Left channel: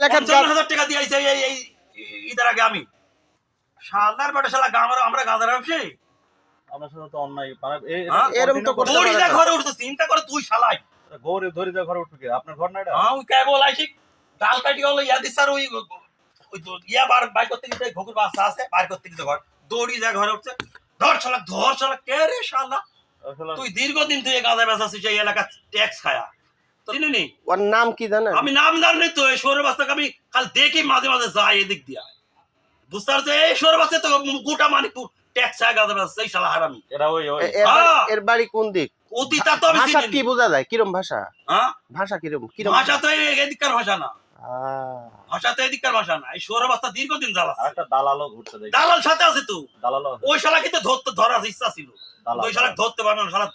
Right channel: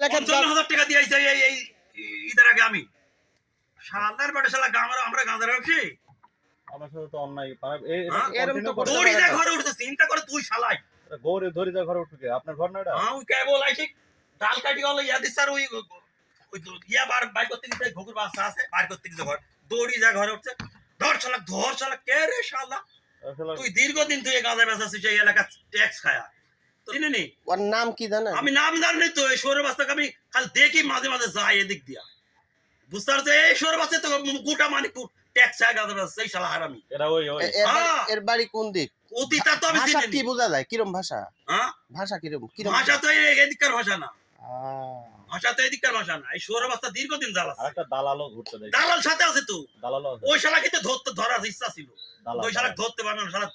50,000 টাকা দিয়ে আইছে এই ঈদের আগে আমি শালার বেটা শালা আমরা গাঁজার ব্যবসায়ী আপনার সাথে তো অন্যায় এরকম তো করতে দড়ি পারে যা না। ঘরে উঠছে চিন্তা করে তুই শালাই গৌরে ধরে যা ঘরে উঠবে আপনার ঘর না এটা হ্যাঁ ওই কেবল আইছি ডাল কাটি হলো ইয়া দিস আর ওই ইয়া বার বাইর করতে গিয়ে ঘুঘুর বাচ্চা আছে বাইর করতে গিয়ে ঘর দড়ি যা ঘরে উঠছে ধর শালা কে রে শালা তুই দীর্ঘদিন তুই গাঁজা বেচাছিস এই এলাকা ট্যাক্স খায়া চিনি ওর নাম কি জানেন? আমি নাম জানি তো এই সৌর বাস্তাকে আমি খালি দেখি মাঝে মাঝে যাই এদিক দিয়া বুঝতে পারছি এই সৌর বাস্তা তো গোটা মানিকপুর ট্যাক্স খায় গাঁজা বেচা সেই শালা হারামি এরা ওই এর বাড়ি কোন দিক? অতীতা তো আমি ভাষা চিনি কি বোঝা যায়? কিরম ভাষা? হ্যাঁ ভাষা কিরম? ভাষা তো এদিককার ভাষা না আহ, ভাষা তো এদিককার ভাষা না এই সৌর বাস্তা দীর্ঘদিন জ্বালাচ্ছে আরেকটা দালালও ঘুরতে দেখি দালাল সাথে আছে তো দালালও আছে ওই শালা কিন্তু ধরার ইচ্ছা ছিল দালাল ওই শালা ধরতে পারবে না শালা